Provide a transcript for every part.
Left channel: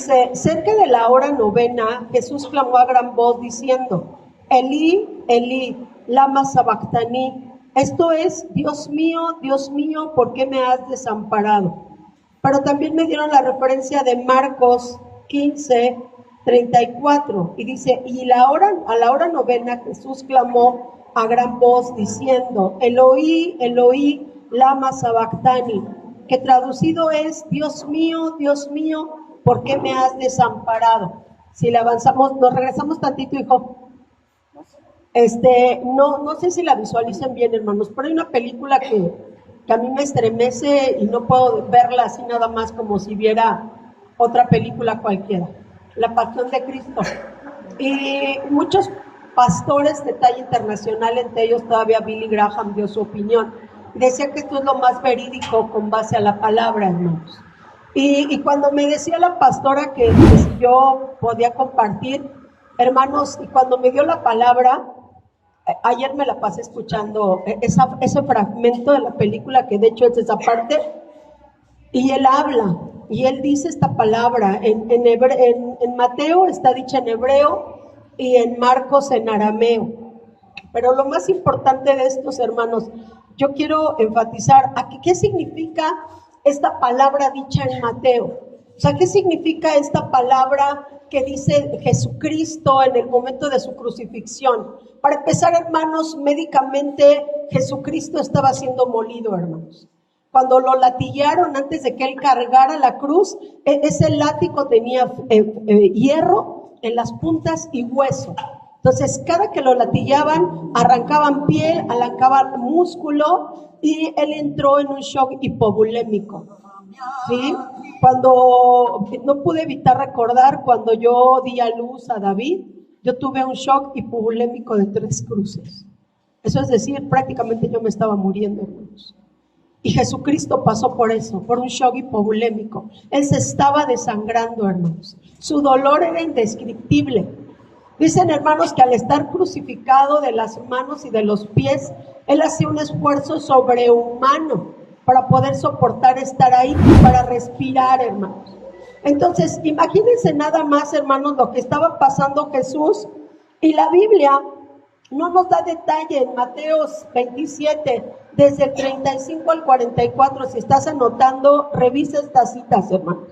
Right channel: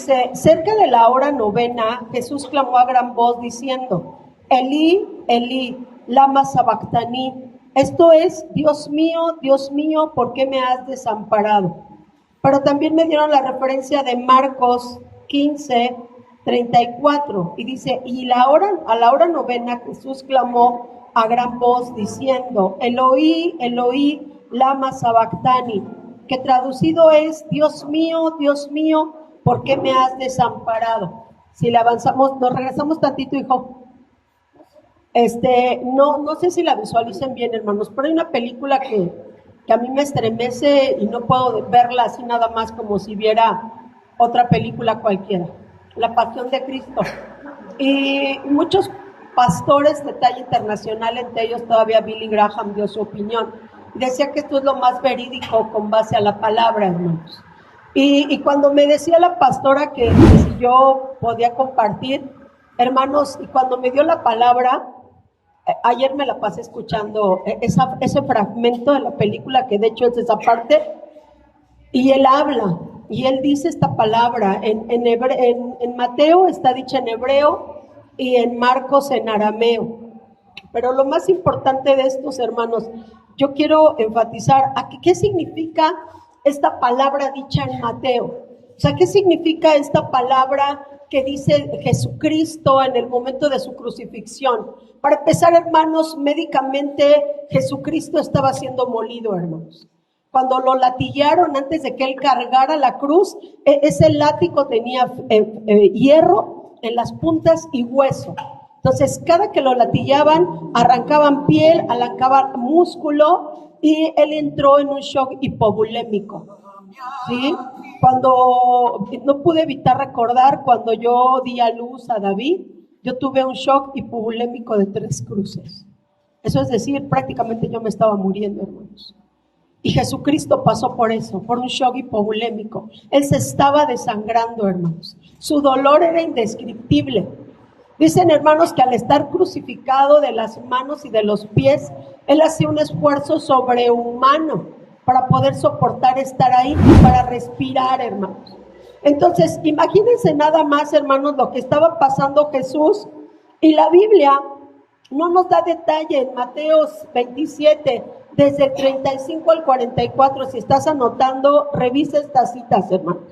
Dice, cerca de la hora novena, Jesús clamó a gran voz diciendo, Elí, Elí, lama sabactani. Esto es, Dios mío, ¿por qué me has desamparado? Pero también me dieron la referencia de Marcos 15:34, y dice, a la hora novena Jesús clamó a gran voz diciendo, Eloí, Eloí, lama sabactani, que traducido es, Dios mío, ¿por qué me has desamparado? Si le avanzamos, nos regresamos tantito, hijo. No sé si la visualicen bien, hermanos, pero hay una película que a mí me estremece y no puedo verla así nada más como si viera otra película cualquiera, La Pasión de Cristo. Y muchos pastores de talla internacional, entre ellos todavía Billy Graham dio su opinión. Decía que esto es lo más verídico con base a la palabra, hermanos. Y cuando me decía la pastora que yo podía compartir, hermanos, y cuando me dio la palabra, ayer me la pasé escuchando ese fragmento de la película, que de hecho es esa parte, y él habla, y él dice esta palabra, en Mateo está dicha en hebreo, y en Marcos en arameo. Pero lo más importante de estos, hermanos, yo quiero enfatizar aquí qué significa esta palabra dicha en Mateo. O sea, ¿qué significa esta palabra que dice Jesucristo en el momento de su crucifixión? Para empezar, hermanos, médicamente Jesucristo estaba siendo molido, hermanos. Cuando lo latillaron antes de que él cargara la cruz, ese látigo tenía hierro en las puntas y hueso. Entonces, cada que lo latillaban, arrancaban piel, arrancaban músculo, y él entró en un shock hipovolémico. ¿Sí? Cuando no pude evitar recordar, cuando yo di a luz a David, yo tuve un shock hipovolémico de 3 cruces. Eso es decir, prácticamente yo me estaba muriendo, hermanos. Y Jesucristo pasó por eso, por un shock hipovolémico. Él se estaba desangrando, hermanos. Su dolor era indescriptible. Dicen, hermanos, que al estar crucificado de las manos y de los pies, él hacía un esfuerzo sobrehumano para poder soportar estar ahí, para respirar, hermanos. Entonces, imagínense nada más, hermanos, lo que estaba pasando Jesús. Y la Biblia no nos da detalle en Mateo 27, desde el 35 al 44. Si estás anotando, revisa estas citas, hermanos.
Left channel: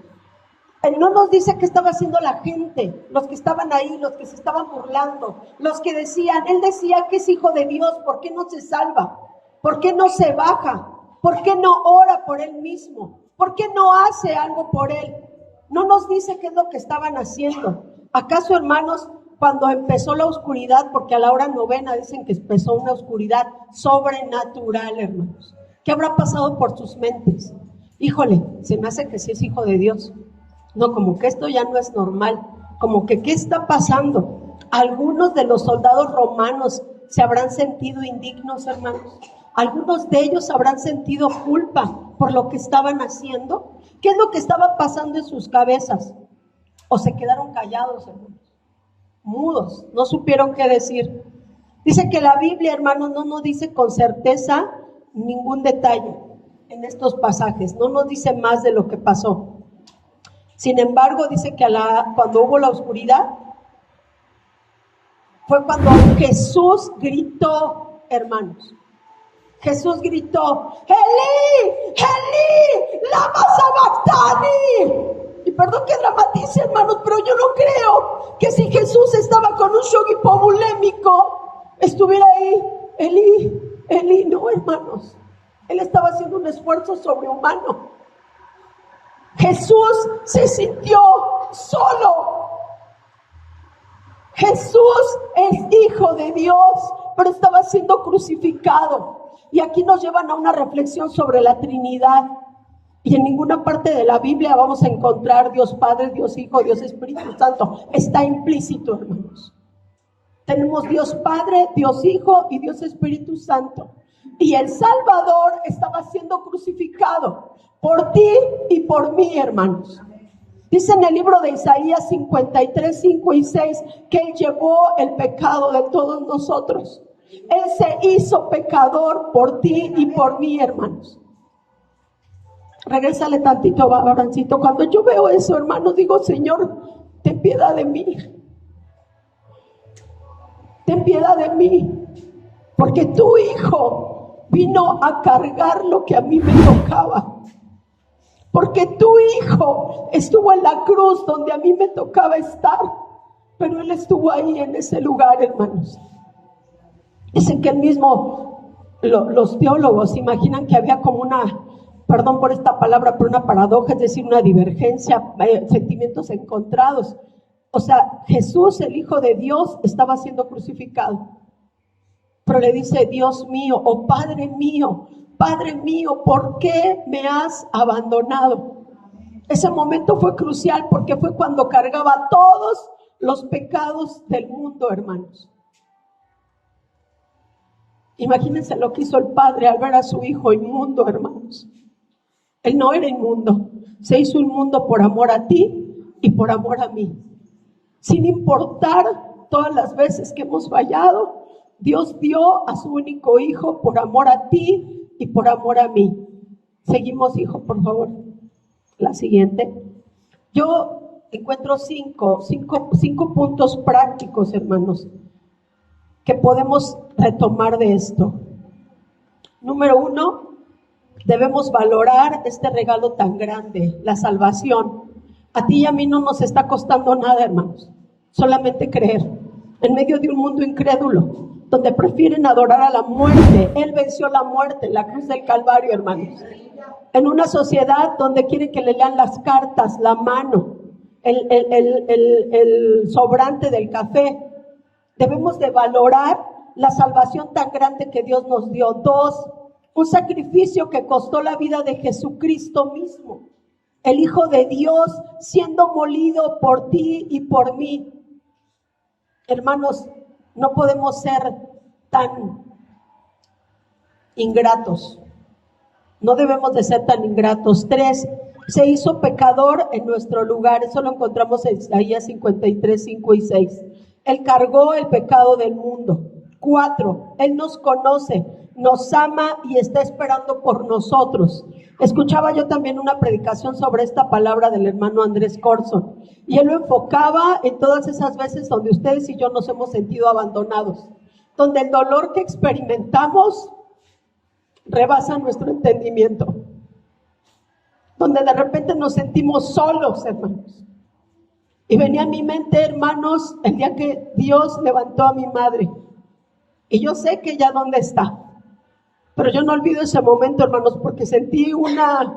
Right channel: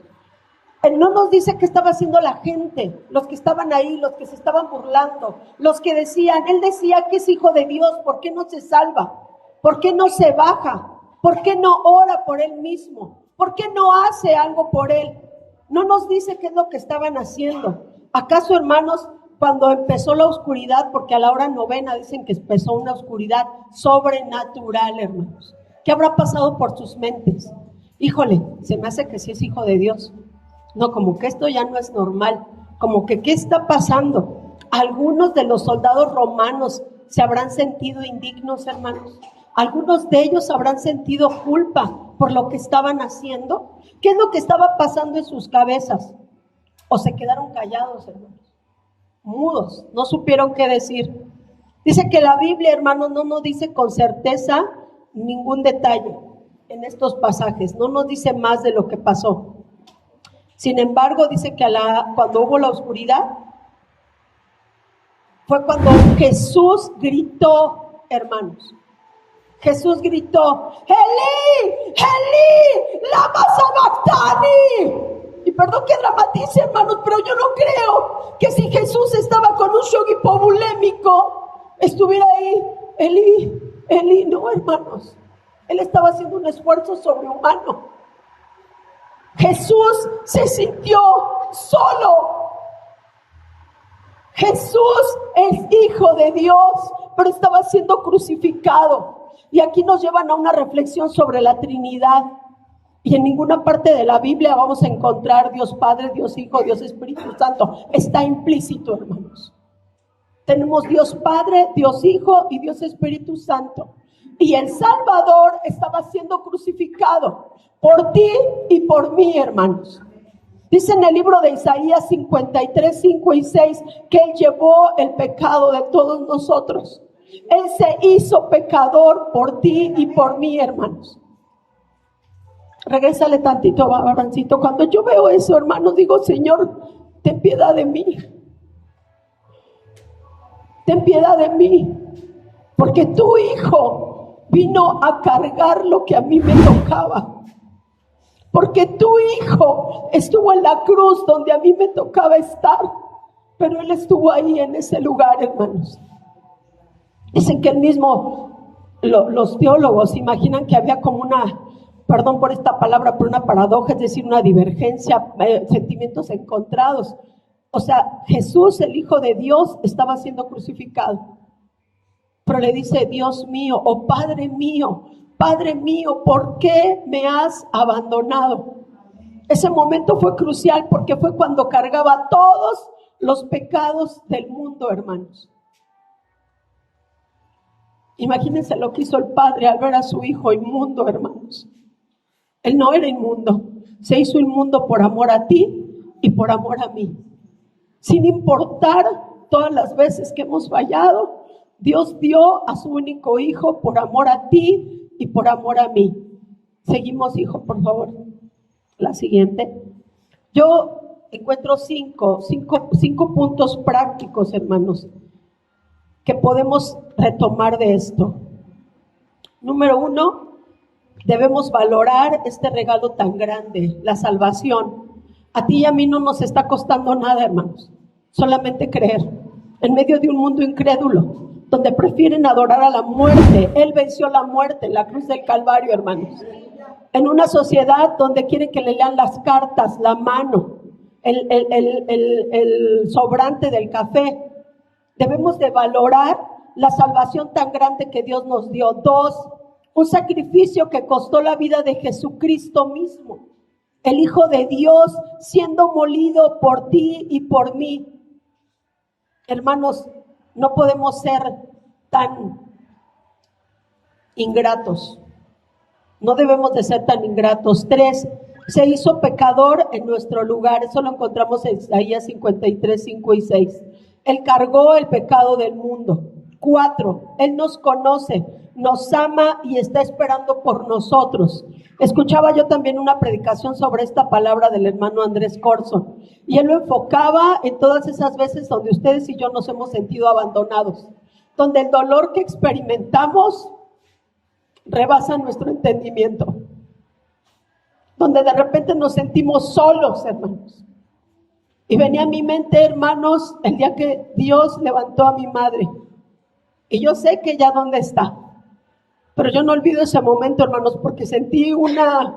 Él no nos dice qué estaba haciendo la gente, los que estaban ahí, los que se estaban burlando, los que decían, él decía que es hijo de Dios, ¿por qué no se salva? ¿Por qué no se baja? ¿Por qué no ora por él mismo? ¿Por qué no hace algo por él? No nos dice qué es lo que estaban haciendo. ¿Acaso, hermanos, cuando empezó la oscuridad, porque a la hora novena dicen que empezó una oscuridad sobrenatural, hermanos? ¿Qué habrá pasado por sus mentes? Híjole, se me hace que sí es hijo de Dios. No, como que esto ya no es normal, como que ¿qué está pasando? Algunos de los soldados romanos se habrán sentido indignos, hermanos. Algunos de ellos habrán sentido culpa por lo que estaban haciendo. ¿Qué es lo que estaba pasando en sus cabezas? O se quedaron callados, hermanos, mudos, no supieron qué decir. Dice que la Biblia, hermanos, no nos dice con certeza ningún detalle en estos pasajes, no nos dice más de lo que pasó. Sin embargo, dice que cuando hubo la oscuridad, fue cuando Jesús gritó, hermanos. Jesús gritó, Elí, Elí, lama sabactani. Y perdón que dramatice, hermanos, pero yo no creo que si Jesús estaba con un shock hipovolémico, estuviera ahí, Elí, Elí. No, hermanos, él estaba haciendo un esfuerzo sobrehumano. Jesús se sintió solo. Jesús es hijo de Dios, pero estaba siendo crucificado. Y aquí nos llevan a una reflexión sobre la Trinidad. Y en ninguna parte de la Biblia vamos a encontrar Dios Padre, Dios Hijo, Dios Espíritu Santo. Está implícito, hermanos. Tenemos Dios Padre, Dios Hijo y Dios Espíritu Santo. Y el Salvador estaba siendo crucificado por ti y por mí, hermanos. Dice en el libro de Isaías 53, 5 y 6 que Él llevó el pecado de todos nosotros. Él se hizo pecador por ti y por mí, hermanos. Regrésale tantito, Abrancito. Cuando yo veo eso, hermano, digo, Señor, ten piedad de mí. Ten piedad de mí. Porque tu Hijo vino a cargar lo que a mí me tocaba. Porque tu Hijo estuvo en la cruz donde a mí me tocaba estar. Pero Él estuvo ahí en ese lugar, hermanos. Dicen que los teólogos imaginan que había como una, perdón por esta palabra, pero una paradoja, es decir, una divergencia, sentimientos encontrados. O sea, Jesús, el Hijo de Dios, estaba siendo crucificado. Pero le dice, Dios mío, oh Padre mío, ¿por qué me has abandonado? Ese momento fue crucial porque fue cuando cargaba todos los pecados del mundo, hermanos. Imagínense lo que hizo el Padre al ver a su Hijo inmundo, hermanos. Él no era inmundo, se hizo inmundo por amor a ti y por amor a mí. Sin importar todas las veces que hemos fallado, Dios dio a su único Hijo por amor a ti y por amor a mí. Seguimos, hijo, por favor. La siguiente. Yo encuentro cinco puntos prácticos, hermanos, que podemos retomar de esto. Número 1, debemos valorar este regalo tan grande, la salvación. A ti y a mí no nos está costando nada, hermanos, solamente creer. En medio de un mundo incrédulo, donde prefieren adorar a la muerte, Él venció la muerte en la cruz del Calvario, hermanos. En una sociedad donde quieren que le lean las cartas, la mano, el sobrante del café, debemos de valorar la salvación tan grande que Dios nos dio. 2, un sacrificio que costó la vida de Jesucristo mismo, el Hijo de Dios siendo molido por ti y por mí. Hermanos, no podemos ser tan ingratos. No debemos de ser tan ingratos. 3, se hizo pecador en nuestro lugar. Eso lo encontramos en Isaías 53, 5 y 6. Él cargó el pecado del mundo. 4, Él nos conoce, nos ama y está esperando por nosotros. Escuchaba yo también una predicación sobre esta palabra del hermano Andrés Corson, y él lo enfocaba en todas esas veces donde ustedes y yo nos hemos sentido abandonados, donde el dolor que experimentamos rebasa nuestro entendimiento, donde de repente nos sentimos solos, hermanos. Y venía a mi mente, hermanos, el día que Dios levantó a mi madre. Y yo sé que ella dónde está. Pero yo no olvido ese momento, hermanos, porque sentí una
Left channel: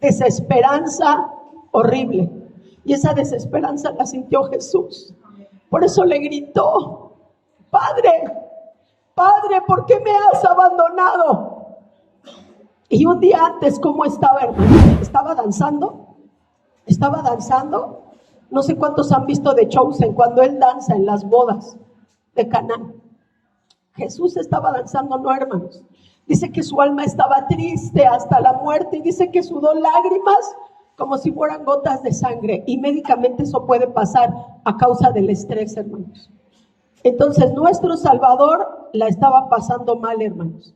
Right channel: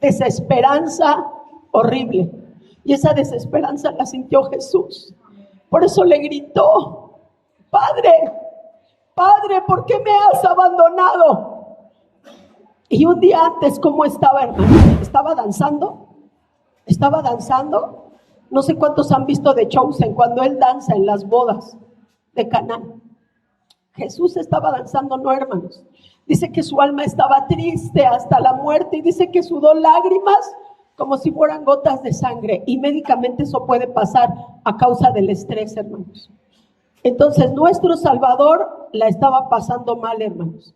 desesperanza horrible. Y esa desesperanza la sintió Jesús. Por eso le gritó, Padre, ¿por qué me has abandonado? Y un día antes, ¿cómo estaba, hermano? Estaba danzando. No sé cuántos han visto de Chosen, cuando él danza en las bodas de Canaán. Jesús estaba danzando, no, hermanos. Dice que su alma estaba triste hasta la muerte y dice que sudó lágrimas como si fueran gotas de sangre. Y médicamente eso puede pasar a causa del estrés, hermanos. Entonces nuestro Salvador la estaba pasando mal, hermanos.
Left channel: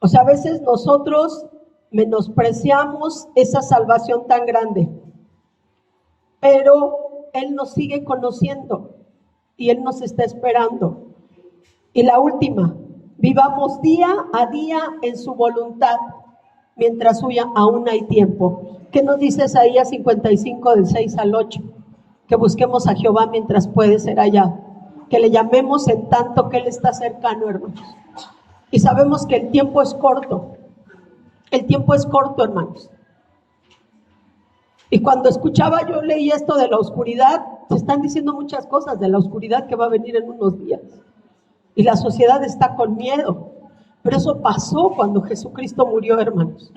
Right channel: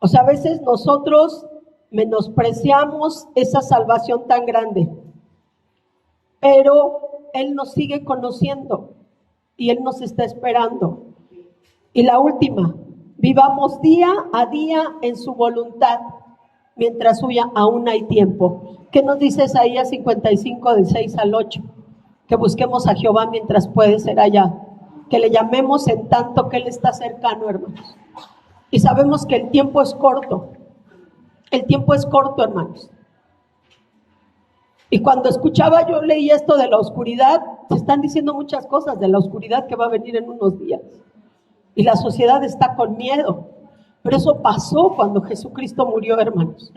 O sea, a veces nosotros menospreciamos esa salvación tan grande, pero Él nos sigue conociendo y Él nos está esperando. Y la última, vivamos día a día en su voluntad, mientras aún hay tiempo. ¿Qué nos dice Isaías 55, del 6 al 8? Que busquemos a Jehová mientras puede ser hallado, que le llamemos en tanto que Él está cercano, hermanos. Y sabemos que el tiempo es corto. El tiempo es corto, hermanos. Y cuando yo leí esto de la oscuridad, se están diciendo muchas cosas de la oscuridad que va a venir en unos días. Y la sociedad está con miedo. Pero eso pasó cuando Jesucristo murió, hermanos.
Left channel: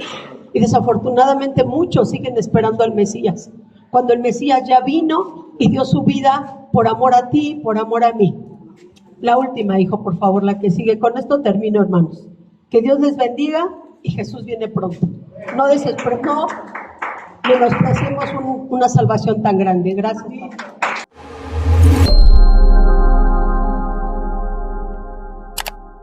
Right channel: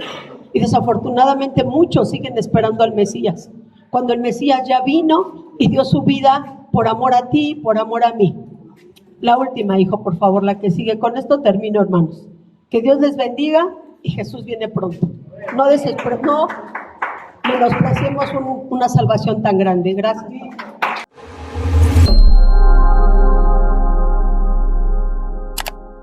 Y desafortunadamente muchos siguen esperando al Mesías. Cuando el Mesías ya vino y dio su vida por amor a ti, por amor a mí. La última, hijo, por favor, la que sigue. Con esto termino, hermanos. Que Dios les bendiga y Jesús viene pronto. No menospreciemos una salvación tan grande. Gracias.